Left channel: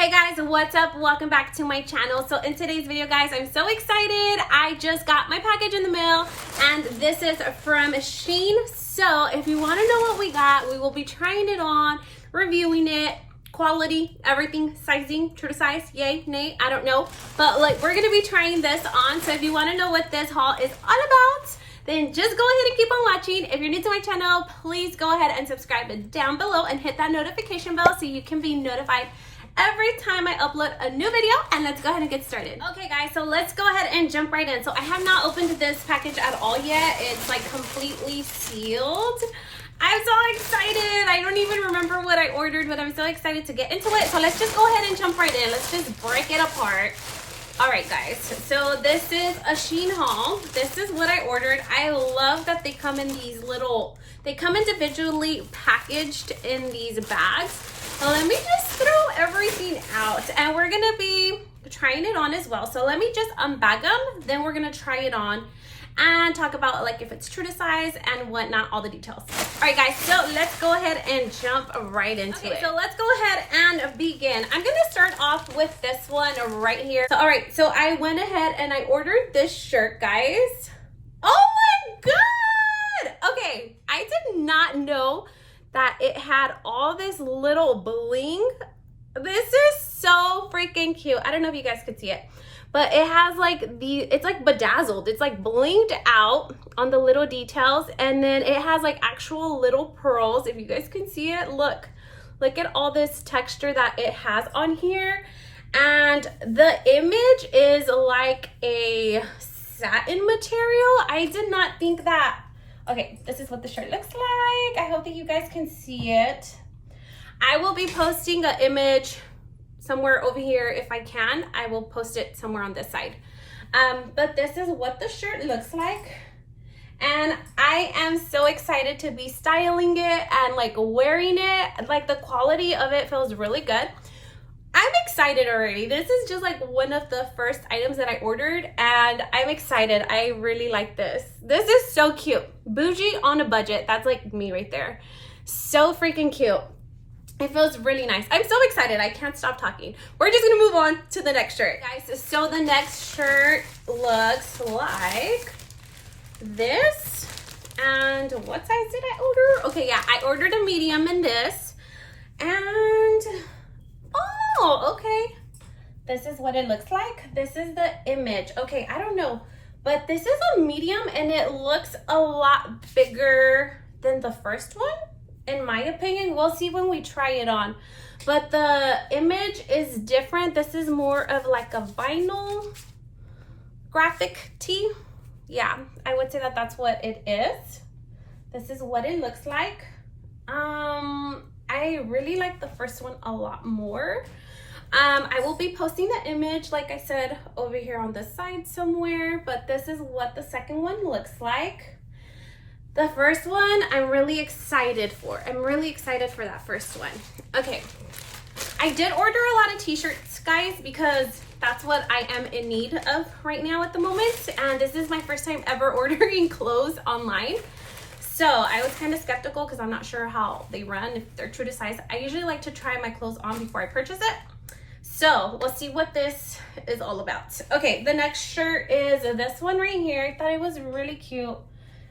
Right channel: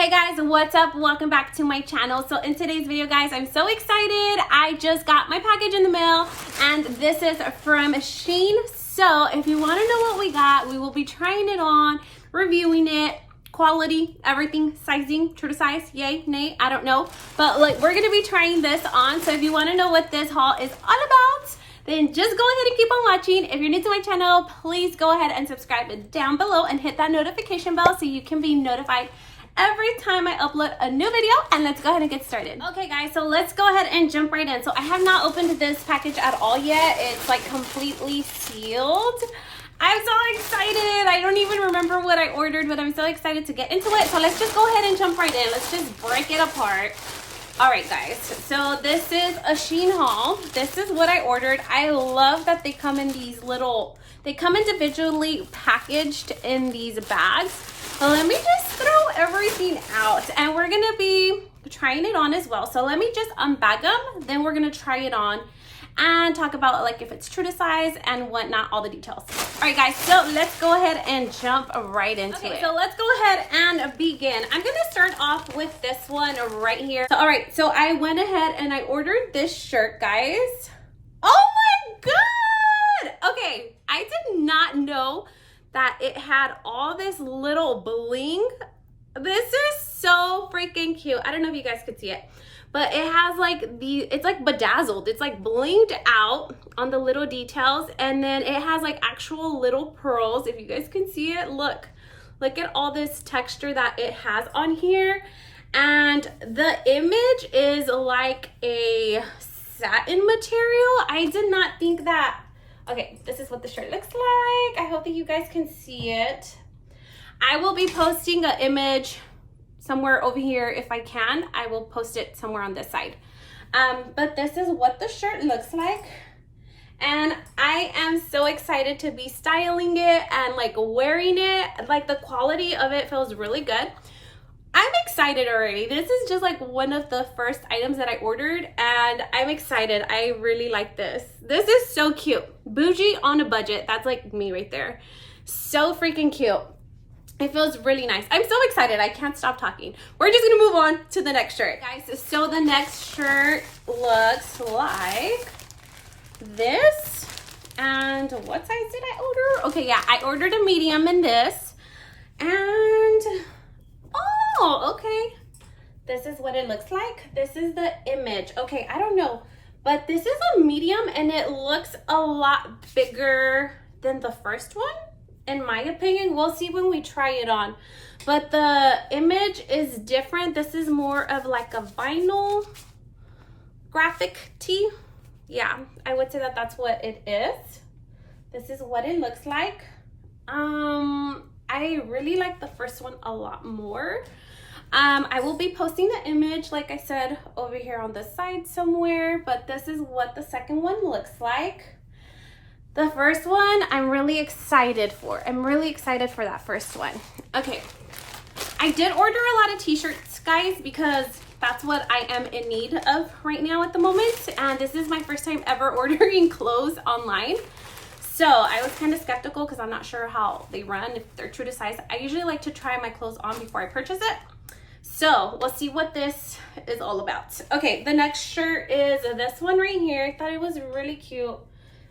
Hey guys, what's up? Welcome back to my channel. So in today's video, guys, I'm so excited. I just got my package in the mail and this is from Shein. So if you want to know what we got, we will be trying it on, reviewing it, quality, everything, sizing, true to size, yay, nay, I don't know. But like, we're going to be trying this on. So if you want to know what this haul is all about, then just go ahead and keep on watching. If you're new to my channel, please go ahead and subscribe down below and hit that notification bell so you can be notified every time I upload a new video. And let's go ahead and get started. Okay guys, so let's go ahead and jump right in. So I have not opened this package at all yet. It's like completely sealed. I'm so excited. I don't even remember what I ordered, but I'm so excited to get into it. So let's just go ahead and jump right in. Let's just break it apart. All right guys, so this is a Shein haul. This is what I ordered. I love that they come in these little, they come individually packaged in these bags. Let me just throw everything out and we're gonna be trying it on as well. So let me just unbag them, then we're gonna try it on and talk about like if it's true to size and whatnot, all the details. All right guys, so let's go ahead and jump right into it. So let's go ahead and begin. I'm gonna start off with this one right here. So, all right, so I went ahead and I ordered this shirt, guys. Oh my God! Okay, I did not know that it had all this little bling. This is so freaking cute. I don't know if you guys could see it, but it has like it's like bedazzled. It's like blinged out on the little details. And then it has like actual little pearls. If you guys can see it, look at all this texture that it has on here. And the image is like a satin material. I did not think that. Okay, this is what the shirt looks like. I hope that you guys can see it. I will be posting an image somewhere over here if I can. I will post it somewhere on this side. But this is what the shirt looks like. And I am so excited to be styling it and like wearing it. Like the quality of it feels really good. I'm excited already. This is just like one of the first items that I ordered and I'm excited. I really like this. This is so cute. Bougie on a budget. That's like me right there. So freaking cute. It feels really nice. I'm so excited. I can't stop talking. We're just gonna move on to the next shirt. Guys, so the next shirt looks like this. And what size did I order? Okay, yeah, I ordered a medium in this. And oh, okay. This is what it looks like. This is the image. Okay, I don't know, but this is a medium and it looks a lot bigger than the first one, in my opinion. We'll see when we try it on. But the image is different. This is more of like a vinyl graphic tee. Yeah, I would say that that's what it is. This is what it looks like. I really like the first one a lot more. I will be posting the image, like I said, over here on the side somewhere, but this is what the second one looks like. The first one, I'm really excited for. I'm really excited for that first one. Okay, I did order a lot of t-shirts, guys, because that's what I am in need of right now at the moment. And this is my first time ever ordering clothes online. So I was kind of skeptical because I'm not sure how they run, if they're true to size. I usually like to try my clothes on before I purchase it. So let's see what this is all about. Okay, the next shirt is this one right here. I thought it was really cute.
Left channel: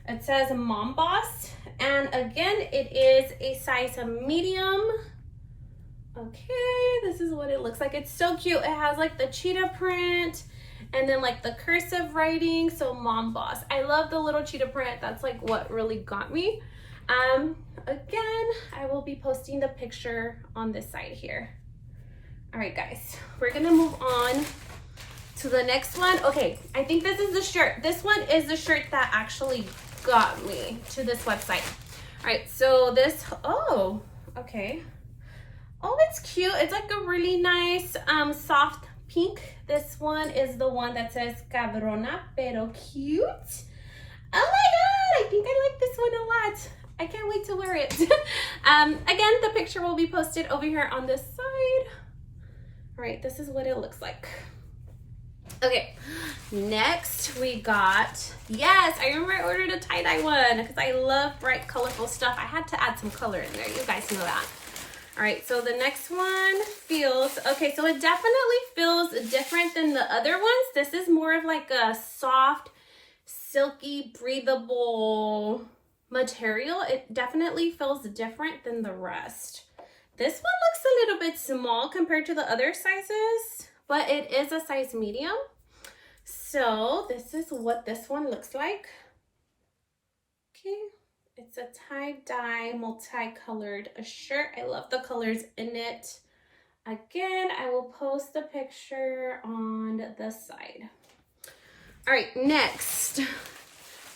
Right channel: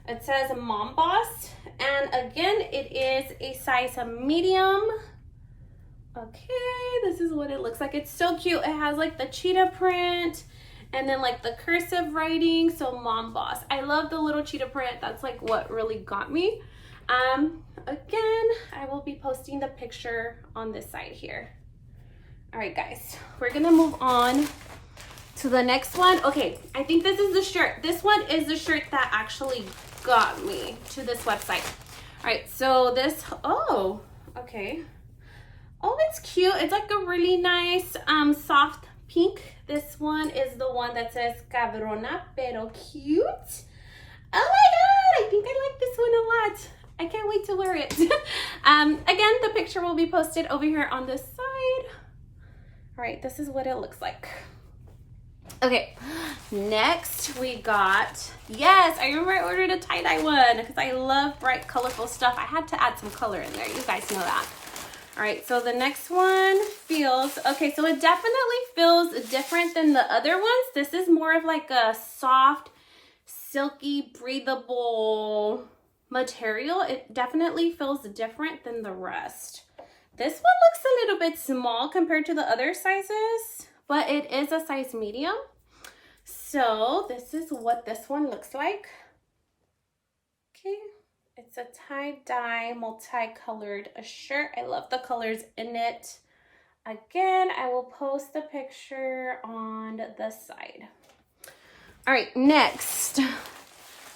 It says Mom Boss. And again, it is a size medium. Okay, this is what it looks like. It's so cute. It has like the cheetah print and then like the cursive writing. So Mom Boss. I love the little cheetah print. That's like what really got me. Again, I will be posting the picture on this side here. All right guys, we're gonna move on to the next one. Okay, I think this is the shirt. This one is the shirt that actually got me to this website. All right, so this, oh, okay. Oh, it's cute. It's like a really nice soft pink. This one is the one that says Cabrona pero cute. Oh my God, I think I like this one a lot. I can't wait to wear it. Again, the picture will be posted over here on this side. All right, this is what it looks like. Okay, next we got, yes, I remember I ordered a tie-dye one because I love bright, colorful stuff. I had to add some color in there. You guys know that. All right, so the next one feels, okay, so it definitely feels different than the other ones. This is more of like a soft, silky, breathable material. It definitely feels different than the rest. This one looks a little bit small compared to the other sizes, but it is a size medium. So this is what this one looks like. Okay. It's a tie-dye, multicolored shirt. I love the colors in it. Again, I will post the picture on the side. All right, next.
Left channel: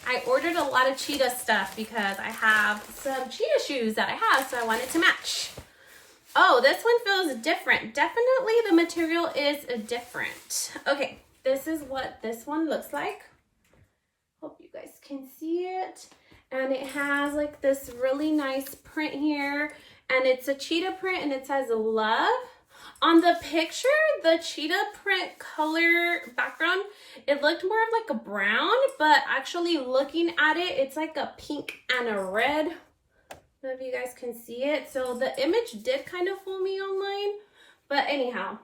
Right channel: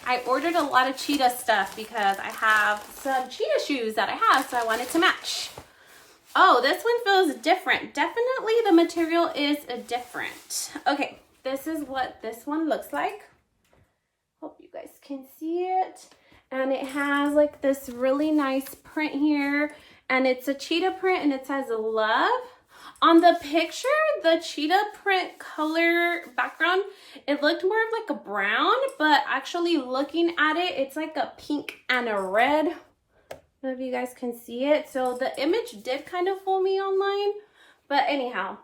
I ordered a lot of cheetah stuff because I have some cheetah shoes that I have, so I wanted to match. Oh, this one feels different. Definitely the material is different. Okay, this is what this one looks like. Hope you guys can see it. And it has like this really nice print here, and it's a cheetah print and it says love. On the picture, the cheetah print color background, it looked more of like a brown, but actually looking at it, it's like a pink and a red. I don't know if you guys can see it. So the image did kind of fool me online, but anyhow,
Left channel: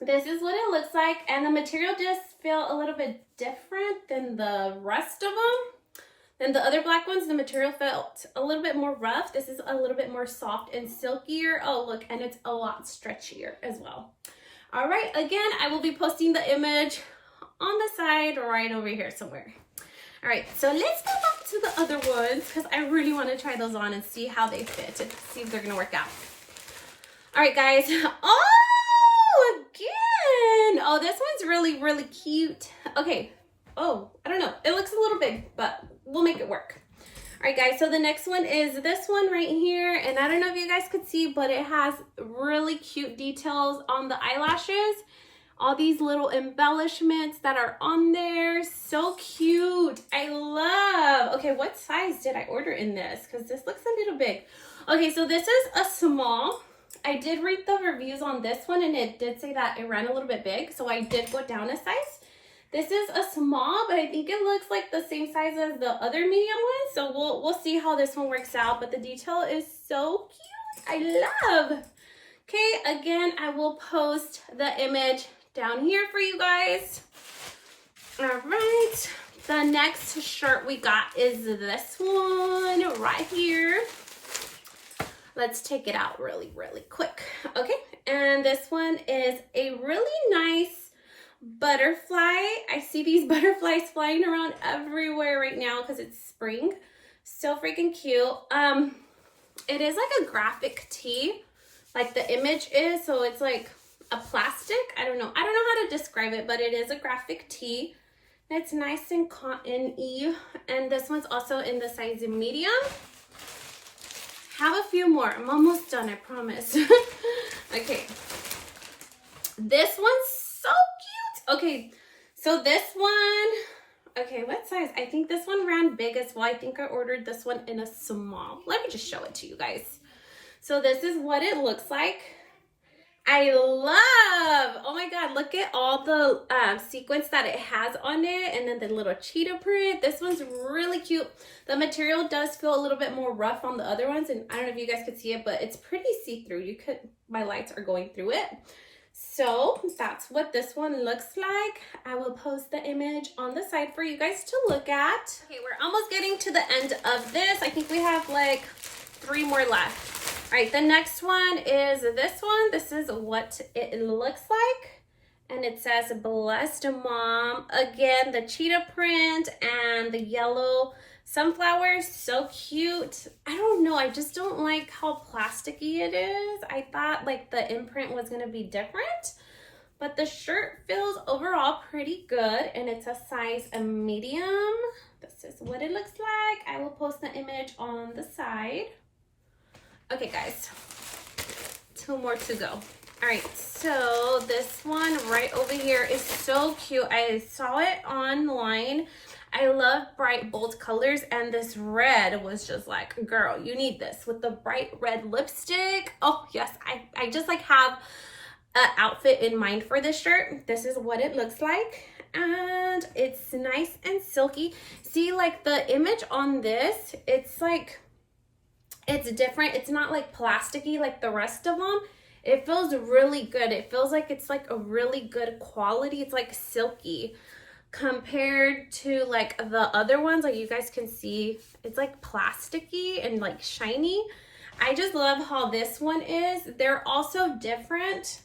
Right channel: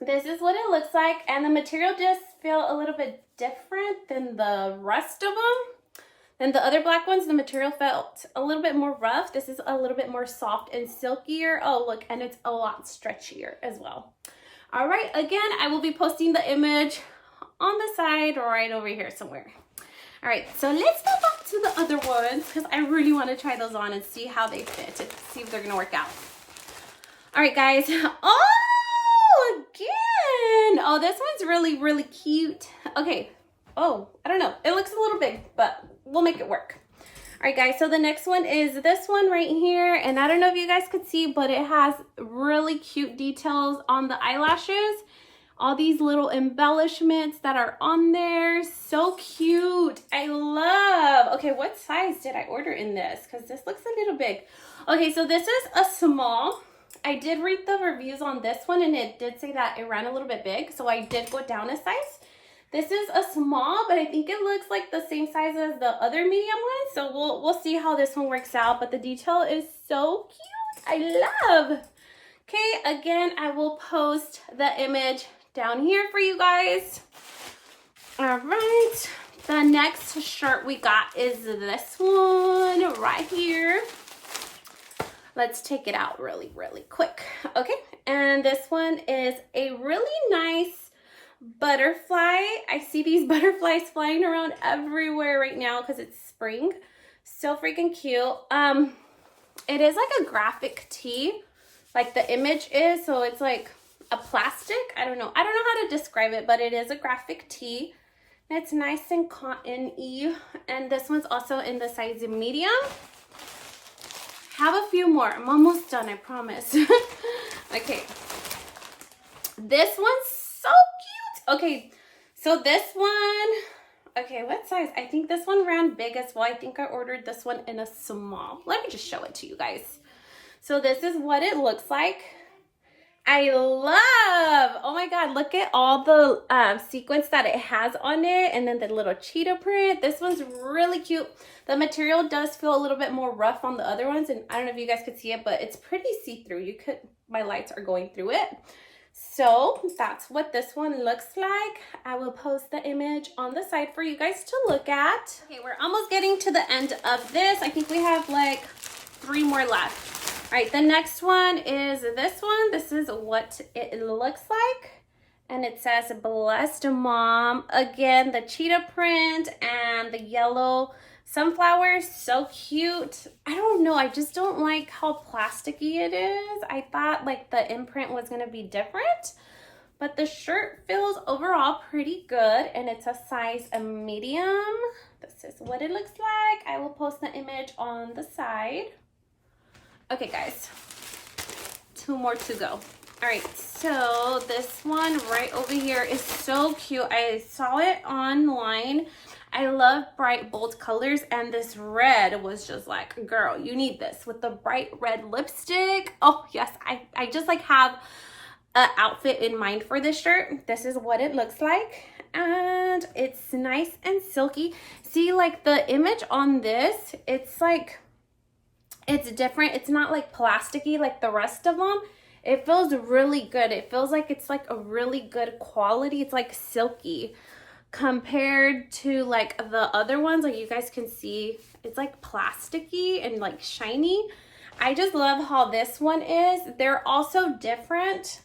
this is what it looks like. And the material does feel a little bit different than the rest of them. Then the other black ones, the material felt a little bit more rough. This is a little bit more soft and silkier. Oh, look, and it's a lot stretchier as well. All right, again, I will be posting the image on the side right over here somewhere. All right, so let's go back to the other ones because I really want to try those on and see how they fit and see if they're going to work out. All right, guys. Oh, again. Oh, this one's really, really cute. Okay. Oh, I don't know. It looks a little big, but we'll make it work. All right, guys, so the next one is this one right here, and I don't know if you guys could see, but it has really cute details on the eyelashes. All these little embellishments that are on there. So cute. I love. Okay, what size did I order in this? Because this looks a little big. Okay, so this is a small. I did read the reviews on this one, and it did say that it ran a little bit big, so I did go down a size. This is a small, but I think it looks like the same size as the other medium one. So we'll see how this one works out. But the detail is so cute. I love. Okay, again, I will post the image down here for you guys. All right. The next shirt we got is this one right here. Let's take it out really, really quick. Okay, and this one is a really nice butterfly. I see these butterflies flying around everywhere right now because it's spring. So freaking cute. It is like a graphic tee, like the image is. So it's like a plastic. I don't know how to describe it, but it is a graphic tee. It's nice and cotton-y. And this one's also in the size medium. Have a few more. I'm almost done, I promise. Okay. This one's so cute. Okay, so this one, okay, what size? I think this one ran big as well. I think I ordered this one in a small. Let me just show it to you guys. So this is what it looks like. I love, oh my God, look at all the sequins that it has on it, and then the little cheetah print. This one's really cute. The material does feel a little bit more rough on the other ones, and I don't know if you guys could see it, but it's pretty see-through. My lights are going through it. So that's what this one looks like. I will post the image on the side for you guys to look at. Okay, we're almost getting to the end of this. I think we have like 3 more left. All right, the next one is this one. This is what it looks like. And it says Blessed Mom. Again, the cheetah print and the yellow sunflower. So cute. I don't know. I just don't like how plasticky it is. I thought like the imprint was going to be different. But the shirt feels overall pretty good. And it's a size medium. This is what it looks like. I will post the image on the side. Okay, guys, 2 more to go. All right, so this one right over here is so cute. I saw it online. I love bright, bold colors, and this red was just like, girl, you need this with the bright red lipstick. Oh, yes, I just like have an outfit in mind for this shirt. This is what it looks like, and it's nice and silky. See, like the image on this, it's like, It's different. It's not like plasticky like the rest of them. It feels really good. It feels like it's like a really good quality. It's like silky compared to like the other ones. Like you guys can see, it's like plasticky and like shiny. I just love how this one is. They're also different.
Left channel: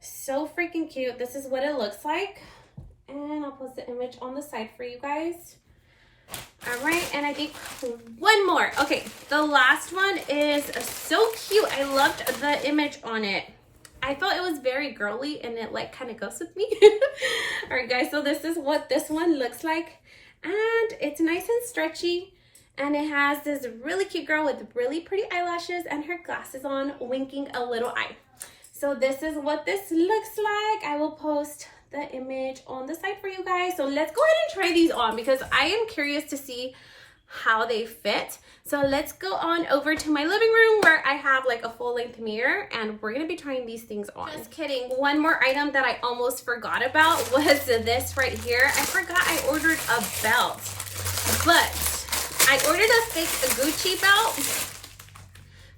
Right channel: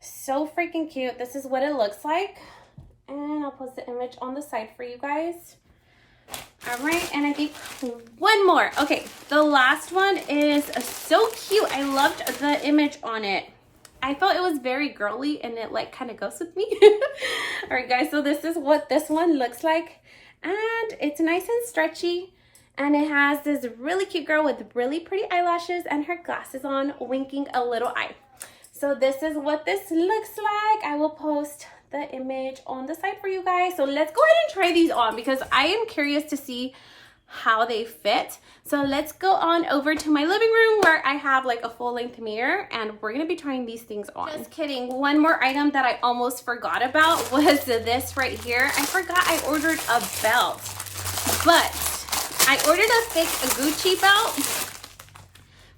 So freaking cute. This is what it looks like. And I'll post the image on the side for you guys. All right, and I think one more. Okay, the last one is so cute. I loved the image on it. I thought it was very girly and it like kind of goes with me. All right, guys, so this is what this one looks like. And it's nice and stretchy. And it has this really cute girl with really pretty eyelashes and her glasses on, winking a little eye. So this is what this looks like. I will post the image on the side for you guys. So let's go ahead and try these on because I am curious to see how they fit. So let's go on over to my living room where I have like a full-length mirror and we're gonna be trying these things on. Just kidding. One more item that I almost forgot about was this right here. I forgot I ordered a belt, but I ordered a thick Gucci belt.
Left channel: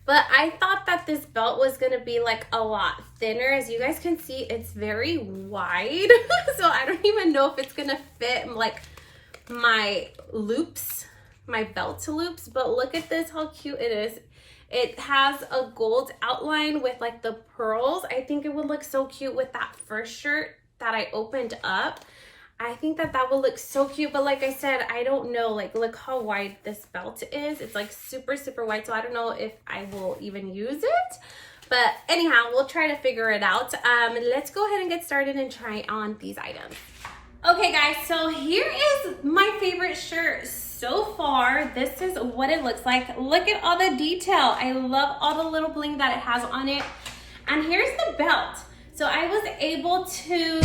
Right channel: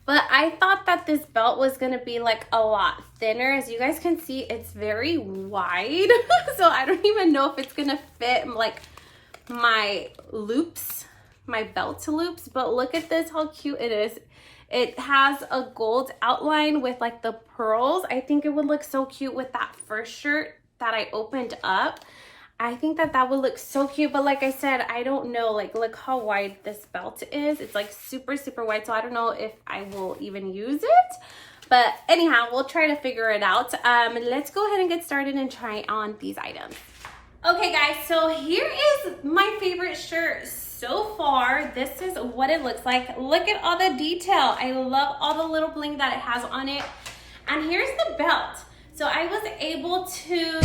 But I thought that this belt was gonna be like a lot thinner. As you guys can see, it's very wide. So I don't even know if it's gonna fit like my loops, my belt loops. But look at this, how cute it is. It has a gold outline with like the pearls. I think it would look so cute with that first shirt that I opened up. I think that that will look so cute, but like I said, I don't know, like look how wide this belt is. It's like super, super wide, so I don't know if I will even use it. But anyhow, we'll try to figure it out. Let's go ahead and get started and try on these items. Okay guys, so here is my favorite shirt so far. This is what it looks like. Look at all the detail. I love all the little bling that it has on it. And here's the belt. So I was able to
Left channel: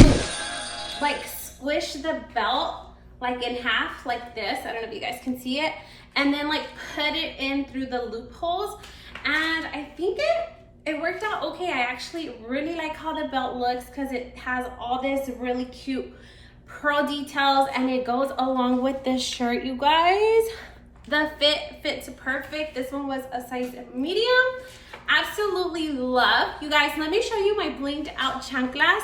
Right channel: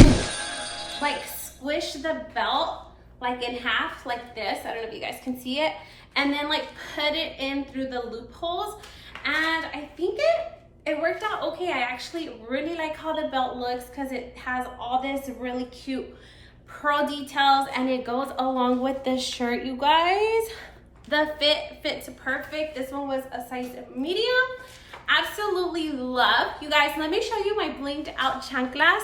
like squish the belt like in half like this. I don't know if you guys can see it. And then like put it in through the loopholes. And I think it worked out okay. I actually really like how the belt looks because it has all this really cute pearl details and it goes along with this shirt, you guys. The fit fits perfect. This one was a size medium. Absolutely love. You guys, let me show you my blinged out chanclas.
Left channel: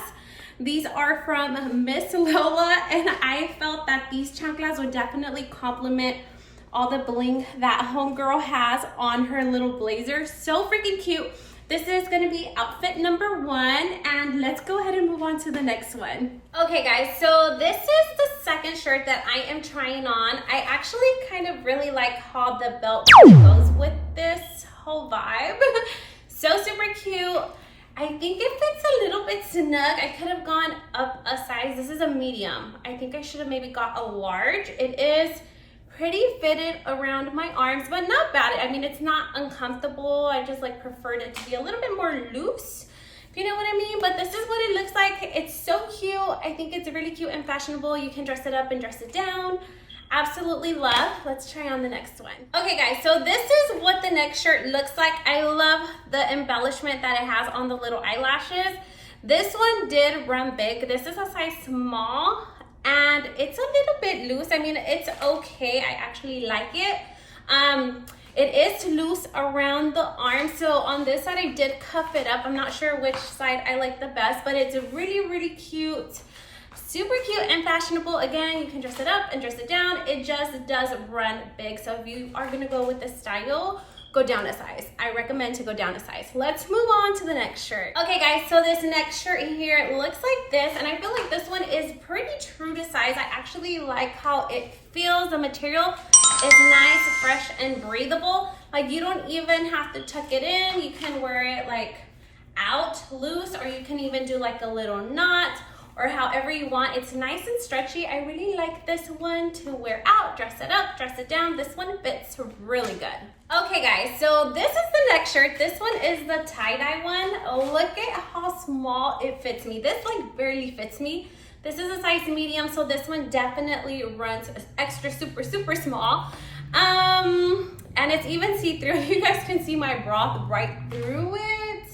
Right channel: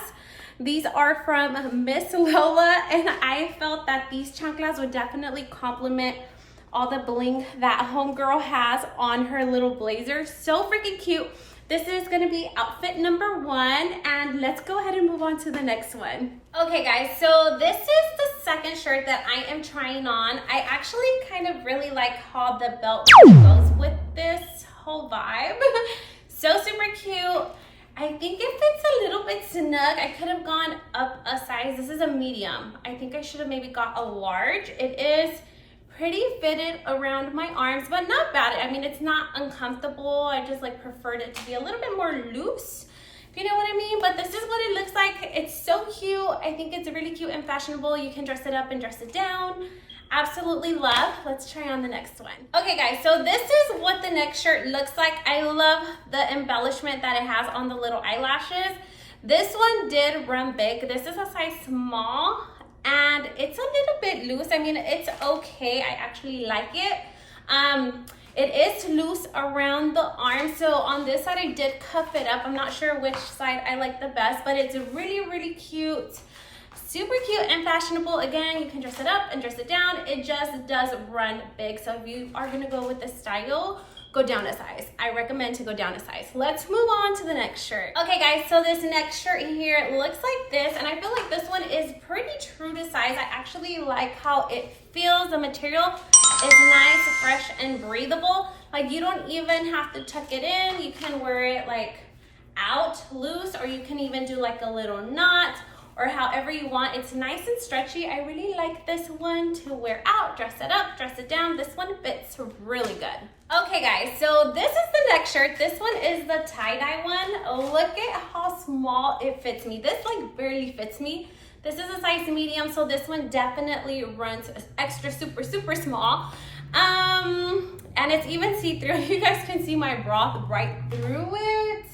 These are from Miss Lola, and I felt that these chanclas would definitely complement all the bling that homegirl has on her little blazer. So freaking cute. This is gonna be outfit number 1, and let's go ahead and move on to the next one. Okay guys, so this is the second shirt that I am trying on. I actually kind of really like how the belt goes with this whole vibe. So super cute. I think it fits a little bit snug. I could have gone up a size. This is a medium. I think I should have maybe got a large. It is pretty fitted around my arms, but not bad. I mean, it's not uncomfortable. I just like preferred it to be a little bit more loose, if you know what I mean. But this is what it looks like. It's so cute. I think it's really cute and fashionable. You can dress it up and dress it down. Absolutely love. Let's try on the next one. Okay guys, so this is what the next shirt looks like. I love the embellishment that it has on the little eyelashes. This one did run big. This is a size small and it's a little bit loose. I mean, it's okay. I actually like it. It is loose around the arm. So on this side, I did cuff it up. I'm not sure which side I like the best, but it's really, really cute. Super cute and fashionable. Again, you can dress it up and dress it down. It just does run big. So if you are gonna go with this style, go down a size. I recommend to go down a size. Let's move on to the next shirt. Okay guys, so this next shirt here looks like this, and I feel like this one is pretty true to size. I actually like how it feels. The material is nice, fresh, and breathable. Like you don't even have to tuck it in. You can wear it like out loose, or you can even do like a little knot, or however you want. It's nice and stretchy. I really like this one to wear out, dress it up, dress it down. This one fits really good. Okay guys, so this is the next shirt. This one is the tie-dye one. Look at how small it fits me. This like barely fits me. This is a size medium, so this one definitely runs extra super, super small. And it's even see-through. You guys can see my bra right through it.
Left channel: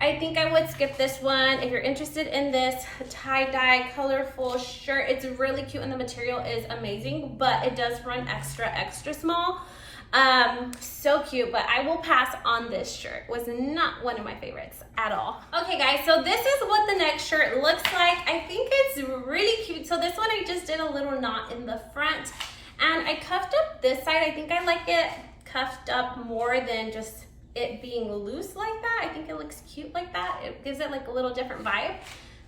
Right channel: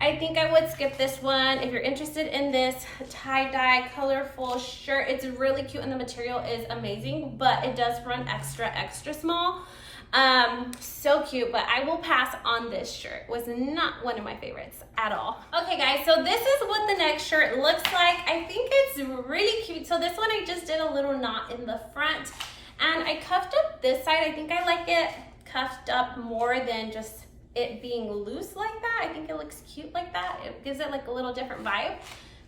I think I would skip this one. If you're interested in this tie-dye colorful shirt, it's really cute and the material is amazing, but it does run extra, extra small. So cute, but I will pass on this shirt. Was not one of my favorites at all. Okay guys, so this is what the next shirt looks like. I think it's really cute. So this one I just did a little knot in the front and I cuffed up this side. I think I like it cuffed up more than just it being loose like that. I think it looks cute like that. It gives it like a little different vibe.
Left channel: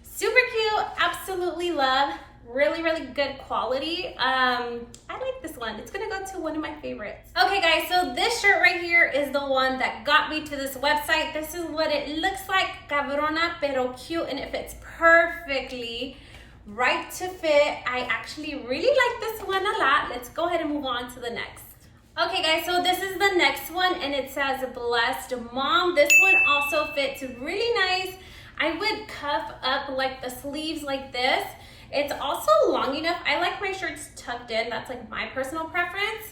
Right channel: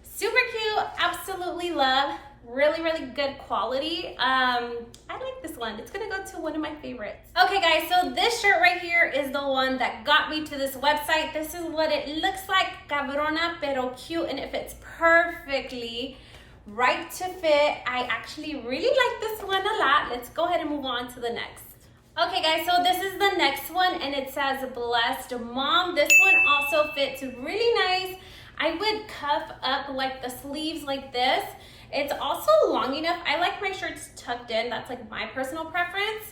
Super cute, absolutely love. Really, really good quality. I like this one. It's gonna go to one of my favorites. Okay guys, so this shirt right here is the one that got me to this website. This is what it looks like. Cabrona pero cute, and it fits perfectly. Right to fit. I actually really like this one a lot. Let's go ahead and move on to the next. Okay guys, so this is the next one and it says Blessed Mom. This one also fits really nice. I would cuff up like the sleeves like this. It's also long enough. I like my shirts tucked in. That's like my personal preference.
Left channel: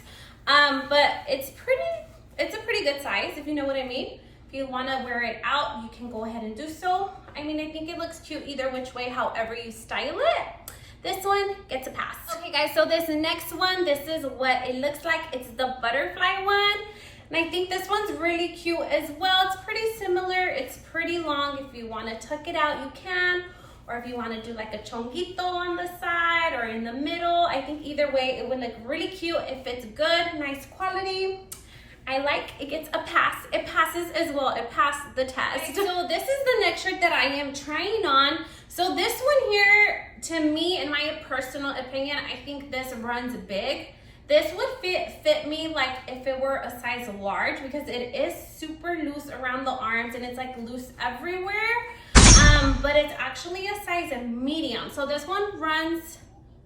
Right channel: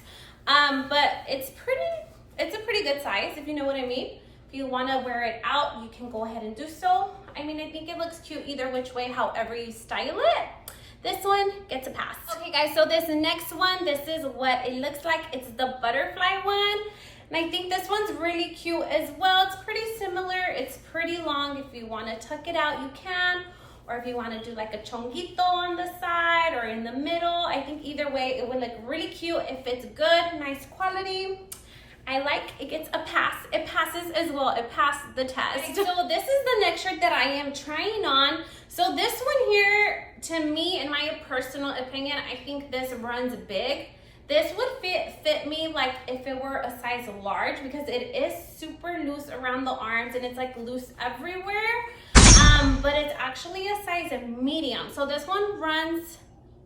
But it's a pretty good size, if you know what I mean. If you want to wear it out, you can go ahead and do so. I mean, I think it looks cute either which way, however you style it. This one gets a pass. Okay guys, so this next one, this is what it looks like. It's the butterfly one. And I think this one's really cute as well. It's pretty similar. It's pretty long. If you want to tuck it out, you can. Or if you want to do like a chonguito on the side or in the middle, I think either way it would look really cute. If it's good, nice quality, I like it. Gets a pass. It passes as well. It passed the test. Okay, so this is the next shirt that I am trying on. So this one here, to me, in my personal opinion, I think this runs big. This would fit me like if it were a size large, because it is super loose around the arms and it's like loose everywhere. But it's actually a size medium. So this one runs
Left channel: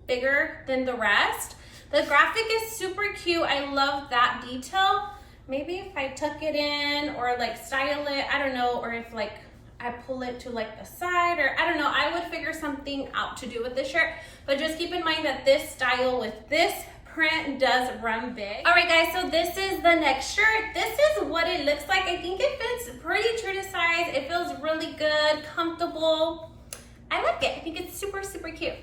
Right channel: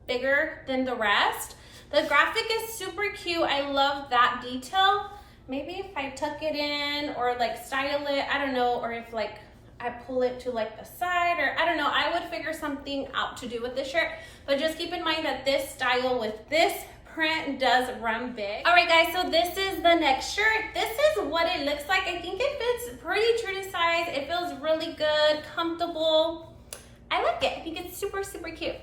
bigger than the rest. The graphic is super cute. I love that detail. Maybe if I tuck it in or like style it, I don't know, or if like I pull it to like the side, or I don't know, I would figure something out to do with this shirt. But just keep in mind that this style with this print does run big. All right guys, so this is the next shirt. This is what it looks like. I think it fits pretty true to size. It feels really good, comfortable. I like it. I think it's super, super cute.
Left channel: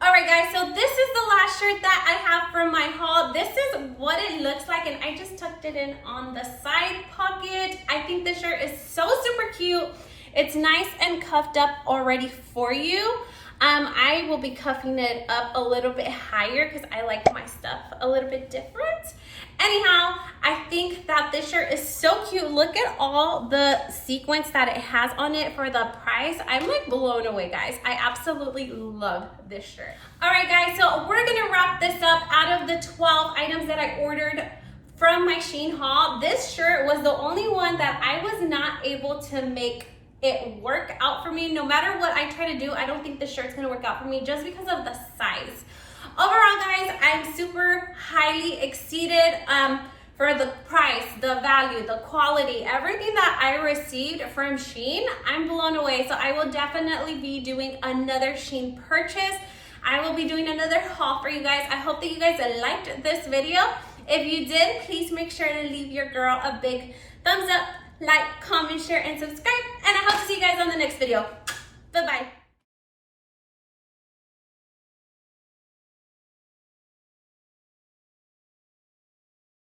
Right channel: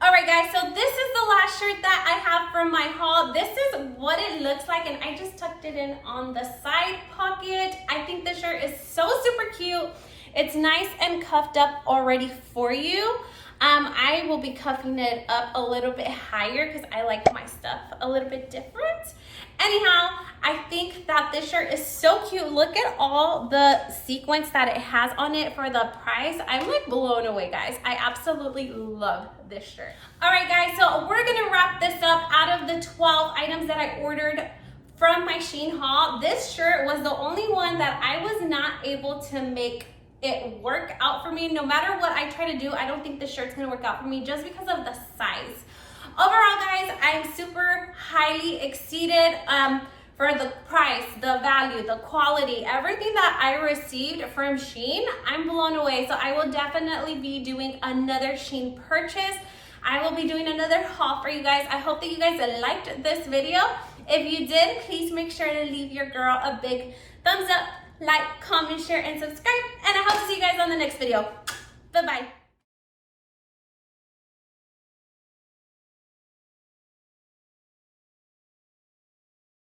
All right guys, so this is the last shirt that I have from my haul. This is what it looks like, and I just tucked it in on the side pocket. I think this shirt is so super cute. It's nice and cuffed up already for you. I will be cuffing it up a little bit higher because I like my stuff a little bit different. Anyhow, I think that this shirt is so cute. Look at all the sequins that it has on it for the price. I'm like blown away, guys. I absolutely love this shirt. All right, guys, so we're gonna wrap this up. Out of the 12 items that I ordered from my Shein haul, this shirt was the only one that I was not able to make it work out for me. No matter what I try to do, I don't think this shirt's gonna work out for me just because of the size. Overall, guys, I'm super highly exceeded for the price, the value, the quality, everything that I received from Shein. I'm blown away. So I will definitely be doing another Shein purchase. I will be doing another haul for you guys. I hope that you guys liked this video. If you did, please make sure to leave your girl a big thumbs up, like, comment, share, and subscribe. And I hope to see you guys on the next video. Bye-bye.